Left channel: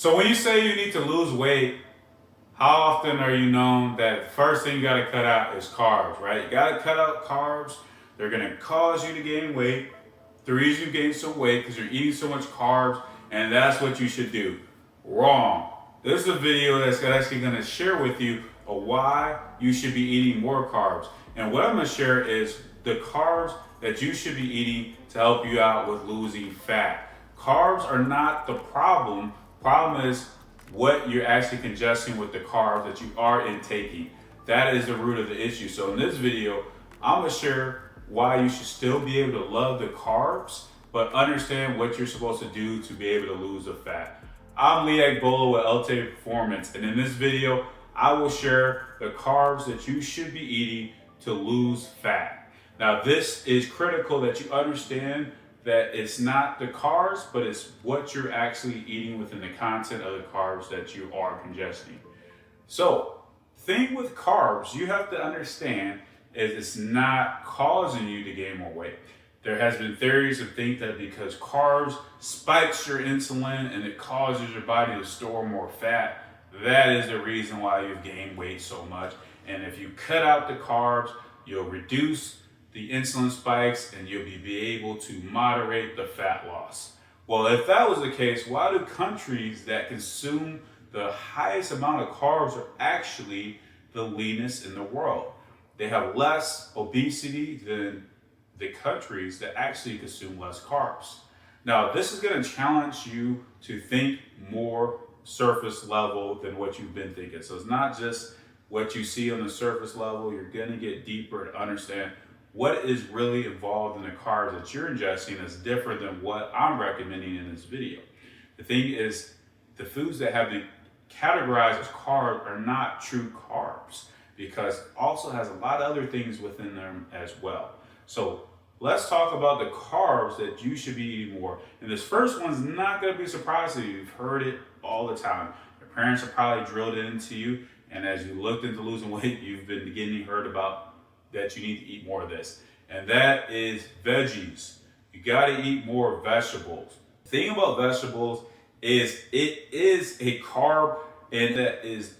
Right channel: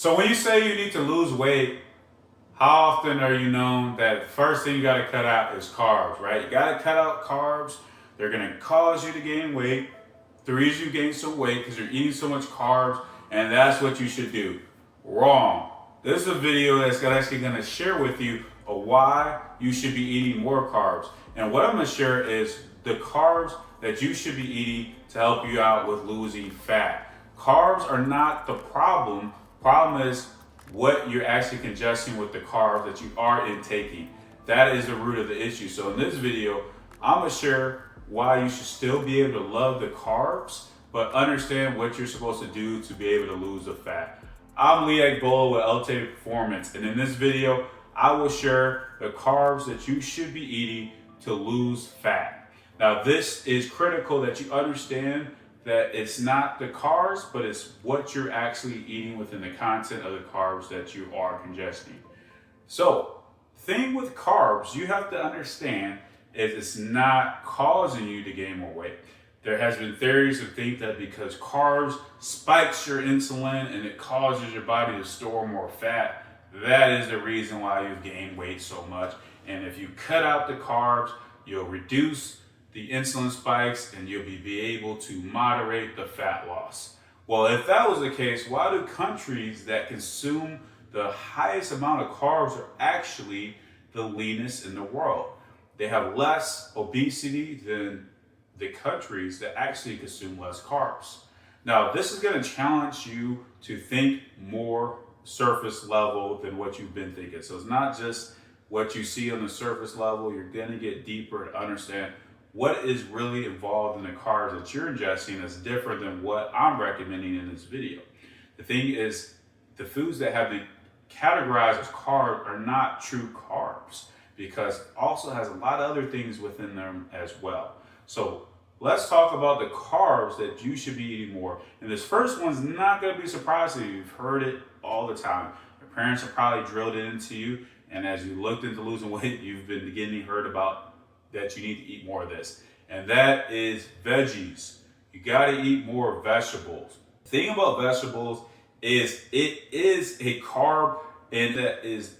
So when you say you need to lose weight, how often are you known that first thing you got to cut out is carbs, right? You got to cut out carbs. They're going to cause you to gain weight. The reason you gain some weight because you're eating so much carbs, and that's what you should do. Wrong. This is a video that's actually going to share with you why you should be eating more carbs. And what I'm going to share is the carbs that you should be eating to help you out with losing fat. Carbs are not the problem. Problem is what you're actually congesting with the carbs that you are intaking. That is the root of the issue. So in this video, I'm going to share why you should still be able to love the carbs, but understand what you're supposed to do to be able to lose the fat. I'm Lee Agbohlah with Ultimate Performance, and in this video, I will share the carbs that you should be eating to lose fat. Now, this is critical that you understand that it's not the carbs, but it's what you're actually eating within the content of the carbs that you are congesting. So, thing with carbs, you have to understand is it's not causing you to gain more weight. There has been theories that think that because carbs spikes your insulin and it causes your body to store more fat, that is the reason why you've gained weight so much. And if you cut out the carbs, you'll reduce the insulin spikes and you'll be able to moderate the fat loss. Well, if that was the case, why do countries that consume the highest amount of carbs are actually the leanest in the world? They have less obesity than the countries that actually consume less carbs. Now, this is going to challenge you to think more surface level than what you've been thinking. So it's not just what you see on the surface level. You're going to get deeper to understand what is really involved in the carbs that you're ingesting is different than what I'm recommending in this video. The thing is, the foods that have been categorized as carbs are not true carbs because it also has a lot of other things within them as well. So let's talk about the carbs that you should be eating more. And this first one's not going to be surprising to you. You've heard it all the time. Your parents have probably drilled it into you. And as you looked into losing weight, you've been beginning to heard about that you need to eat more of this. And that is veggies. You got to eat more vegetables. The thing about vegetables is it is a carb, and that is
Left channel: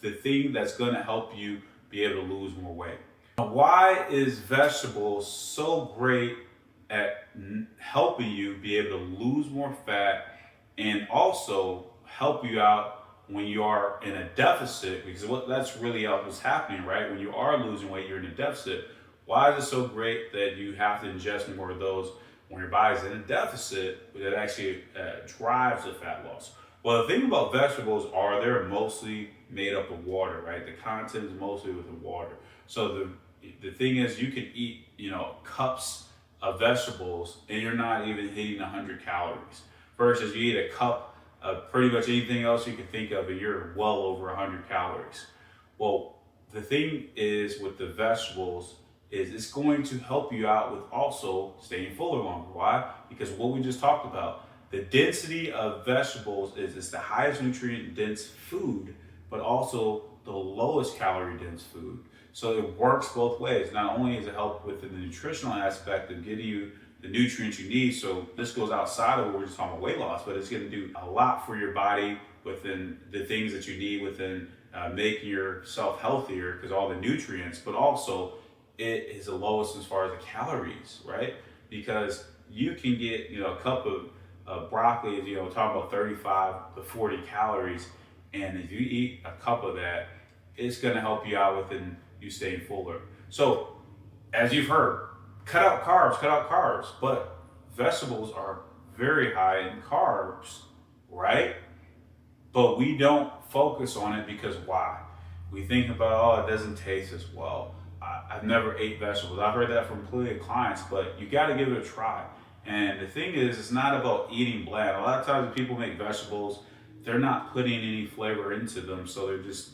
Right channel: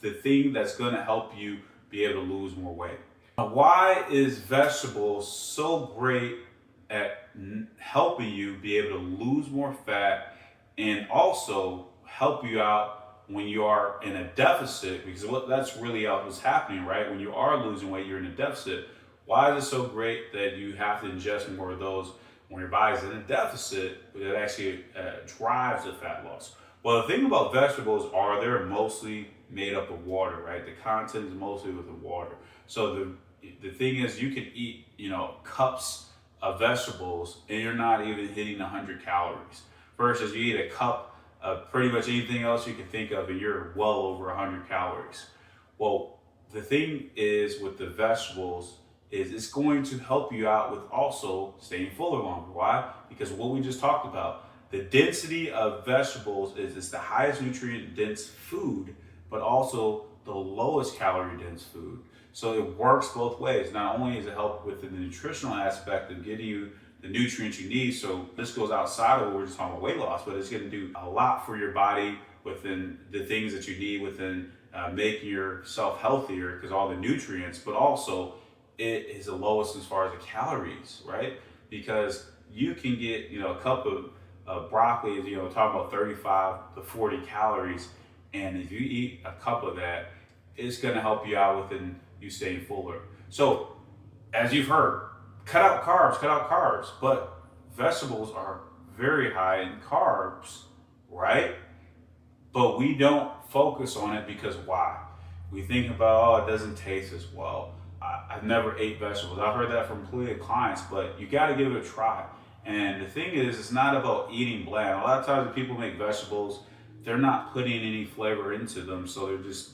the thing that's going to help you be able to lose more weight. Why is vegetables so great at helping you be able to lose more fat and also help you out when you are in a deficit? Because that's really what's happening, right? When you are losing weight, you're in a deficit. Why is it so great that you have to ingest more of those when your body's in a deficit that actually drives the fat loss? Well, the thing about vegetables are they're mostly made up of water, right? The content is mostly with the water. So the thing is, you can eat, cups of vegetables and you're not even hitting 100 calories. Versus you eat a cup of pretty much anything else you can think of and you're well over 100 calories. Well, the thing is with the vegetables is it's going to help you out with also staying fuller longer. Why? Because what we just talked about, the density of vegetables is it's the highest nutrient dense food, but also the lowest calorie dense food. So it works both ways. Not only does it help with the nutritional aspect of getting you the nutrients you need, so this goes outside of what we're just talking about weight loss, but it's going to do a lot for your body within the things that you need within making yourself healthier because all the nutrients, but also it is the lowest as far as the calories, right? Because you can get, a cup of broccoli, talking about 35 to 40 calories, and if you eat a cup of that, it's going to help you out within you staying fuller. So, as you've heard, cut out carbs, but vegetables are very high in carbs, right? But we don't focus on it because why? We think about, it doesn't taste as well. I've never ate vegetables. I've heard that from plenty of clients, but you got to give it a try. And the thing is, it's not about eating bland. A lot of times when people make vegetables, they're not putting any flavor into them. So they're just,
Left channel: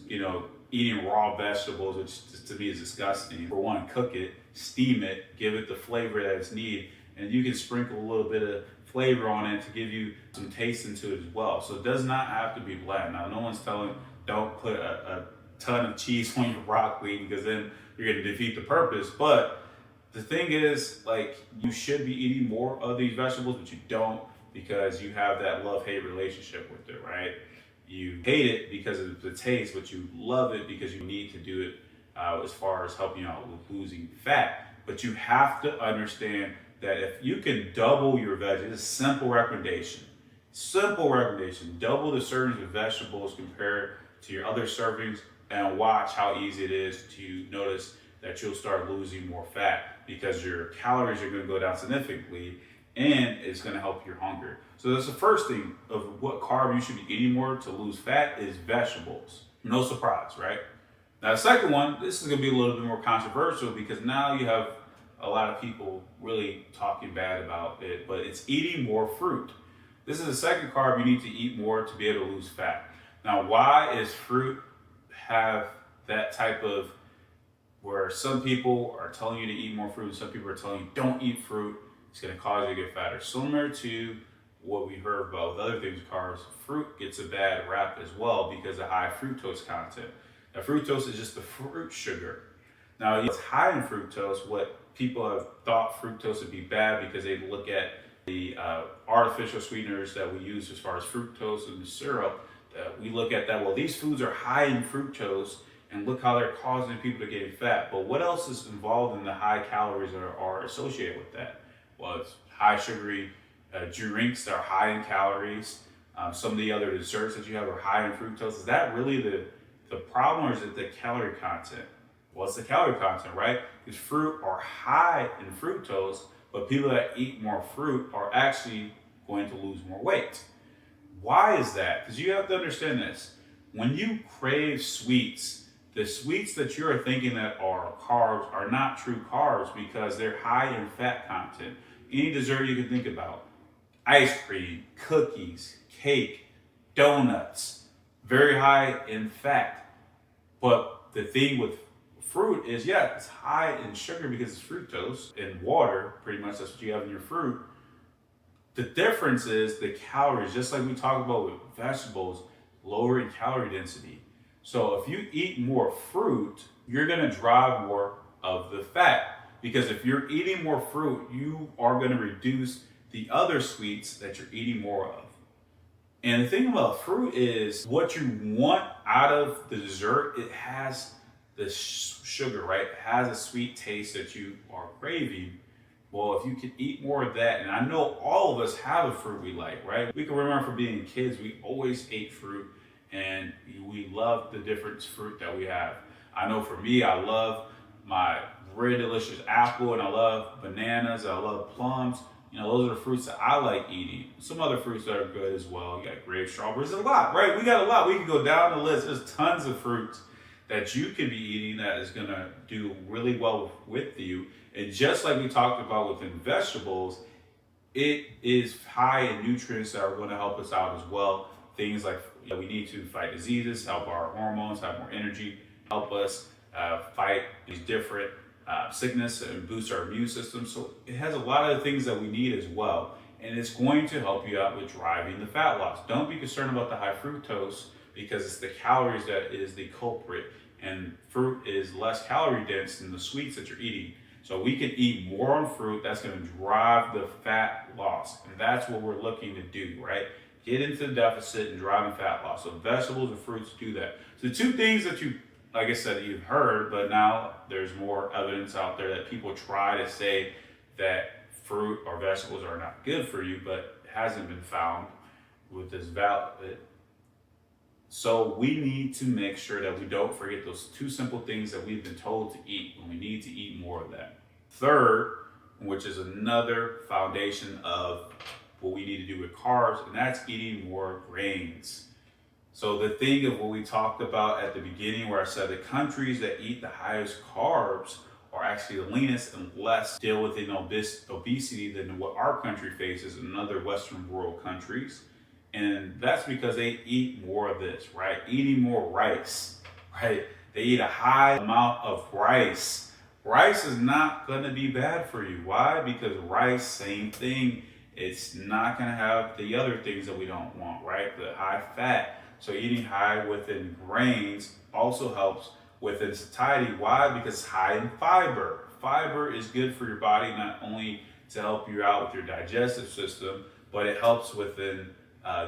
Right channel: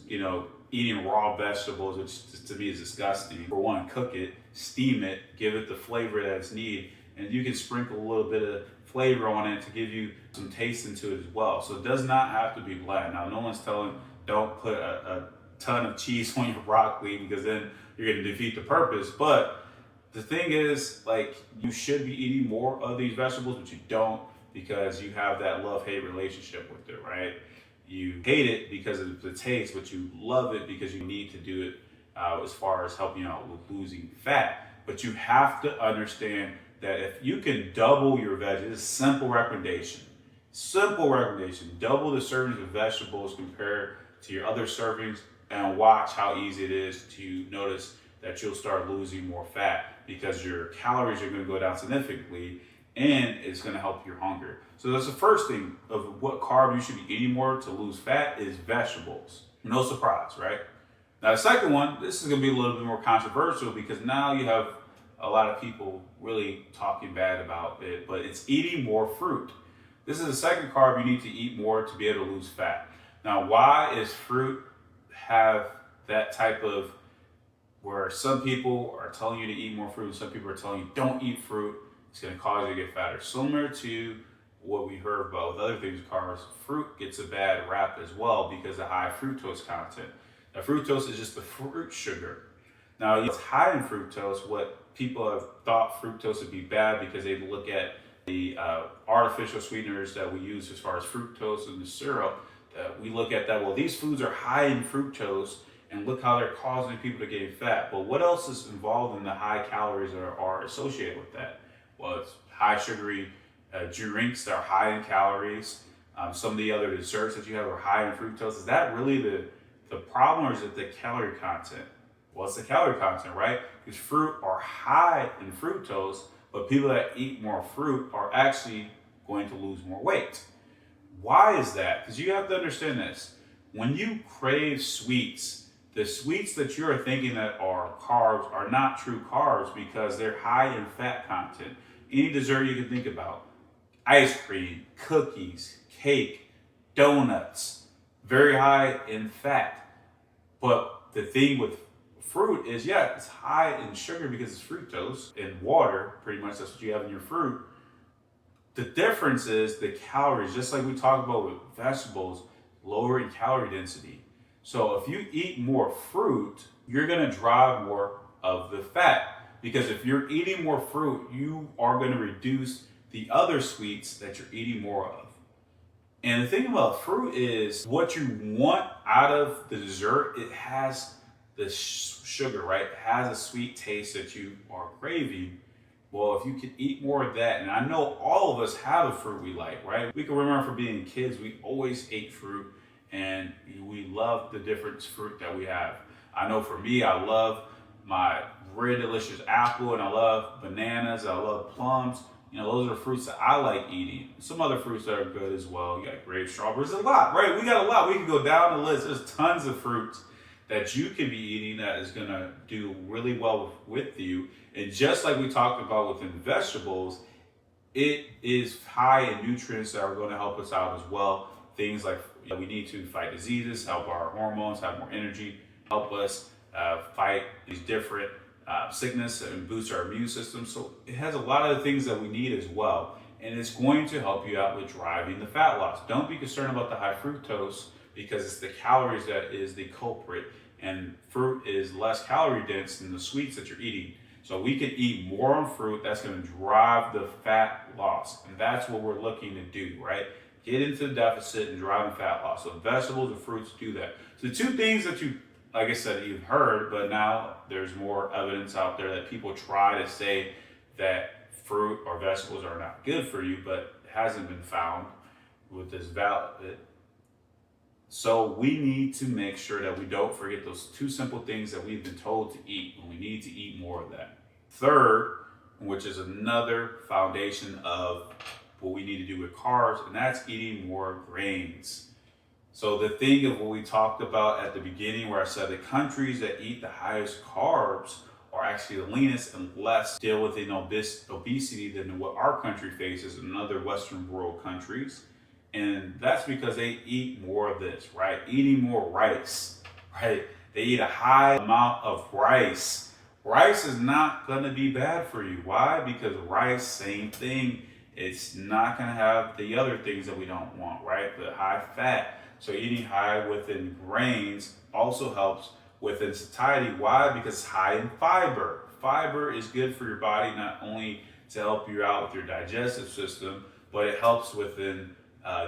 eating raw vegetables, which to me is disgusting. For one, cook it, steam it, give it the flavor that it's needed. And you can sprinkle a little bit of flavor on it to give you some taste into it as well. So it does not have to be bland. Now, no one's telling, don't put a ton of cheese on your broccoli because then you're going to defeat the purpose. But the thing is, you should be eating more of these vegetables, but you don't because you have that love-hate relationship with it, right? You hate it because of the taste, but you love it because you need to do it as far as helping you out with losing fat. But you have to understand that if you can double your veggies, it's a simple recommendation. Simple recommendation, double the servings of vegetables compared to your other servings, and watch how easy it is to notice that you'll start losing more fat because your calories are going to go down significantly, and it's going to help your hunger. So that's the first thing of what carb you should be eating more to lose fat is vegetables. No surprise, right? Now the second one, this is going to be a little bit more controversial because now you have a lot of people really talking bad about it, but it's eating more fruit. This is the second carb you need to eat more to be able to lose fat. Now, why is fruit have that type of where some people are telling you to eat more fruit and some people are telling you don't eat fruit, it's going to cause you to get fatter? Similar to what we heard about with other things, carbs, fruit gets a bad rap as well because of high fructose content. Now, fructose is just the fruit sugar. Now, it's high in fructose. What people have thought fructose would be bad because they look at the artificial sweeteners that we use as far as fructose in the syrup. We look at that, well, these foods are high in fructose, and look how they're causing people to gain fat. But what else is involved in the high calories that are associated with that? Well, it's high sugary drinks that are high in calories. Some of the other desserts that you have are high in fructose. Is that really the problem, or is it the calorie content? Well, it's the calorie content, right? Because fruit are high in fructose, but people that eat more fruit are actually going to lose more weight. Why is that? Because you have to understand this. When you crave sweets, the sweets that you're thinking that are carbs are not true carbs because they're high in fat content. Any dessert you can think about, ice cream, cookies, cake, donuts, very high in fat. But the thing with fruit is, yeah, it's high in sugar because it's fructose and water, pretty much that's what you have in your fruit. The difference is the calories, just like we talk about with vegetables, lower in calorie density. So if you eat more fruit, you're gonna drive more of the fat, because if you're eating more fruit, you are gonna reduce the other sweets that you're eating more of. And the thing about fruit is what you want out of the dessert, it has the sugar, right? It has a sweet taste that you are craving. Well, if you can eat more of that, and I know all of us have a fruit we like, right? We can remember from being kids, we always ate fruit and we love the different fruit that we have. I know for me, I love my very delicious apple, and I love bananas, I love plums. You know, those are the fruits that I like eating. Some other fruits that are good as well. You got grapes, strawberries, a lot, right? We got a lot. We can go down the list. There's tons of fruits that you can be eating that is gonna do really well with you. And just like we talked about within vegetables, it is high in nutrients that are gonna help us out as well. Things like, you know, we need to fight diseases, help our hormones, have more energy, help us fight these different sickness and boost our immune system. So it has a lot of the things that we need as well. And it's going to help you out with driving the fat loss. Don't be concerned about the high fructose because it's the calories that is the culprit. And fruit is less calorie dense than the sweets that you're eating. So we can eat more on fruit. That's going to drive the fat loss. And that's what we're looking to do, right? Get into the deficit and driving fat loss. So vegetables and fruits do that. So the two things that you, like I said, you've heard, but now there's more evidence out there that people try to say that fruit or vegetables are not good for you, but it hasn't been found with this valid. So we need to make sure that we don't forget those two simple things that we've been told to eat, and we need to eat more of that. Third, which is another foundation of what we need to do with carbs, and that's eating more grains. So the thing of what we talked about at the beginning, where I said the countries that eat the highest carbs are actually the leanest and less deal with obesity than what our country faces in other Western world countries. And that's because they eat more of this, right? Eating more rice, right? They eat a high amount of rice. Rice is not gonna be bad for you. Why? Because rice, same thing. It's not gonna have the other things that we don't want, right? The high fat. So eating high within grains also helps within satiety. Why? Because it's high in fiber. Fiber is good for your body, not only to help you out with your digestive system, but it helps within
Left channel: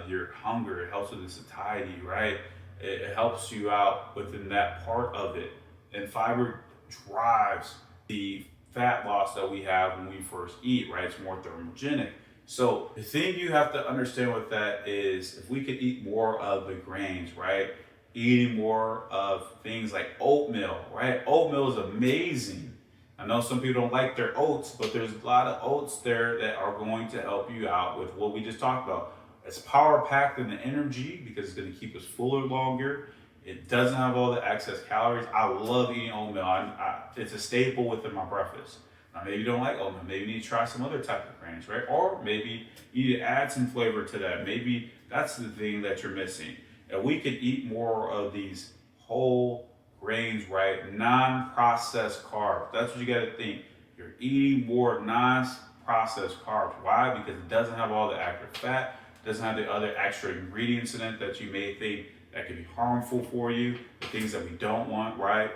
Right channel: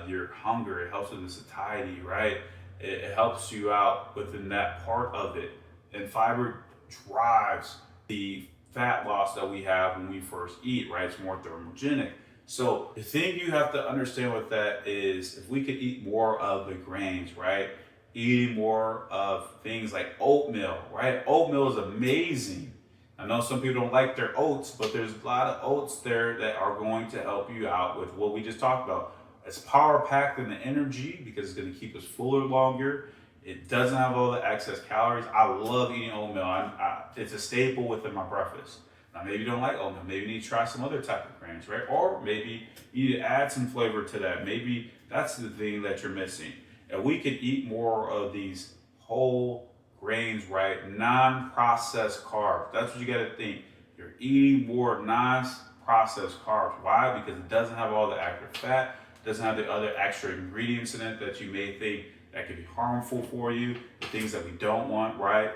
your hunger. It helps with the satiety, right? It helps you out within that part of it. And fiber drives the fat loss that we have when we first eat, right? It's more thermogenic. So the thing you have to understand with that is if we could eat more of the grains, right? Eating more of things like oatmeal, right? Oatmeal is amazing. I know some people don't like their oats, but there's a lot of oats there that are going to help you out with what we just talked about. It's power packed in the energy because it's going to keep us fuller longer. It doesn't have all the excess calories. I love eating oatmeal. It's a staple within my breakfast. Now, maybe you don't like oatmeal. Maybe you need to try some other type of grains, right? Or maybe you need to add some flavor to that. Maybe that's the thing that you're missing. And we could eat more of these whole grains, right? Non-processed carbs. That's what you got to think. You're eating more non-processed carbs. Why? Because it doesn't have all the active fat. It doesn't have the other extra ingredients in it that you may think that could be harmful for you, the things that we don't want, right?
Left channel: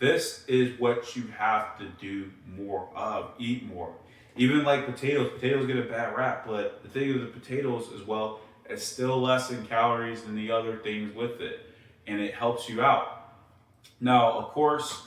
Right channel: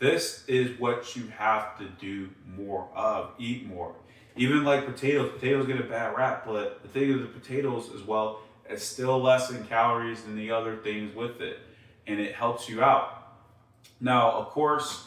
This is what you have to do more of, eat more. Even like potatoes get a bad rap, but the thing with the potatoes as well, it's still less in calories than the other things with it, and it helps you out. Now, of course,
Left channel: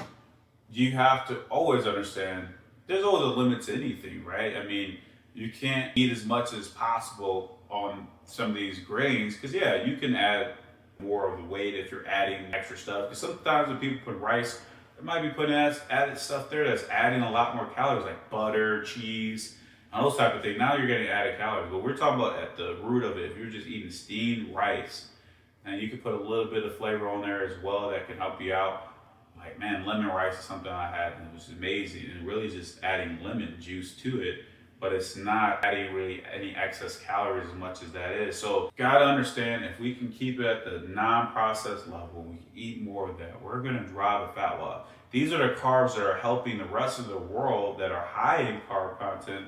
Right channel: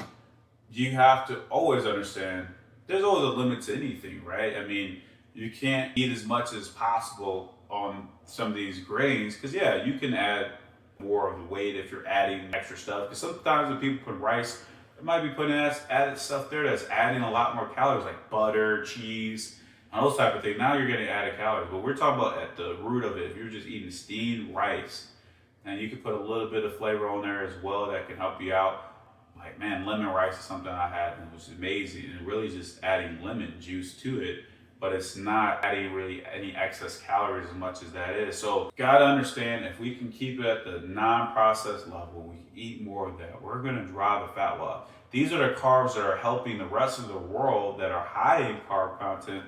you have to always understand there's always a limit to anything, right? I mean, you can't eat as much as possible on some of these grains, because yeah, you can add more of the weight if you're adding extra stuff. Because sometimes when people put rice, they might be putting added stuff there that's adding a lot more calories, like butter, cheese, and those type of things. Now you're getting added calories. But we're talking about at the root of it, if you're just eating steamed rice, and you can put a little bit of flavor on there as well that can help you out. Like, man, lemon rice is something I had and it was amazing. And really just adding lemon juice to it, but it's not adding really any excess calories as much as that is. So gotta understand, if we can keep it at the non-processed level, we can eat more of that, we're gonna drive the fat loss. These are the carbs that are helping the rest of the world that are high in carb content,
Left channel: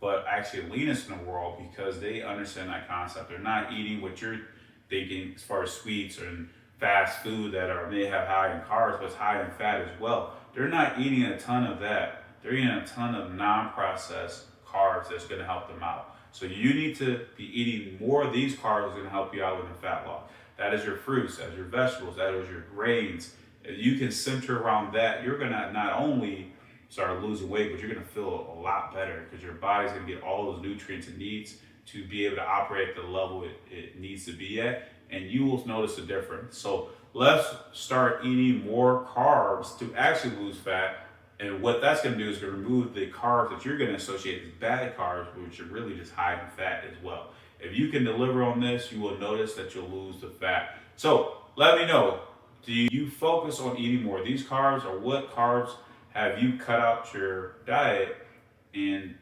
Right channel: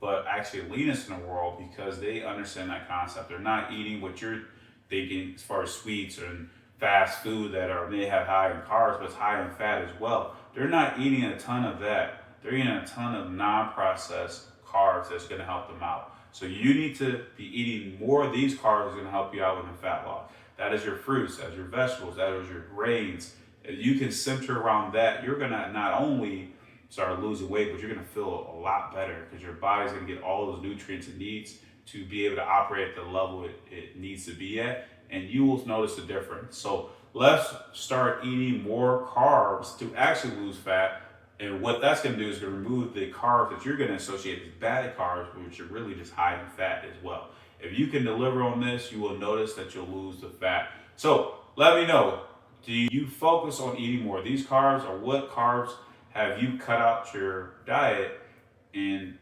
but actually leanest in the world, because they understand that concept. They're not eating what you're thinking as far as sweets and fast food that may have high in carbs, but it's high in fat as well. They're not eating a ton of that. They're eating a ton of non-processed carbs that's going to help them out. So you need to be eating more of these carbs that's going to help you out with the fat loss. That is your fruits, that is your vegetables, that is your grains. If you can center around that, you're going to not only start losing weight, but you're going to feel a lot better, because your body's going to get all those nutrients it needs to be able to operate at the level it needs to be at, and you will notice the difference. So let's start eating more carbs to actually lose fat. And what that's going to do is going to remove the carbs that you're going to associate with bad carbs, which are really just high in fat as well. If you can deliver on this, you will notice that you'll lose the fat. So let me know, do you focus on eating more of these carbs, or what carbs have you cut out your diet? And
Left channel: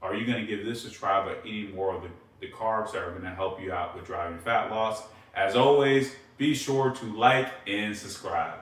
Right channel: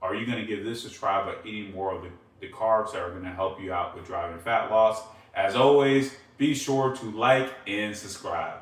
are you going to give this a try by eating more of the carbs that are going to help you out with driving fat loss? As always, be sure to like and subscribe.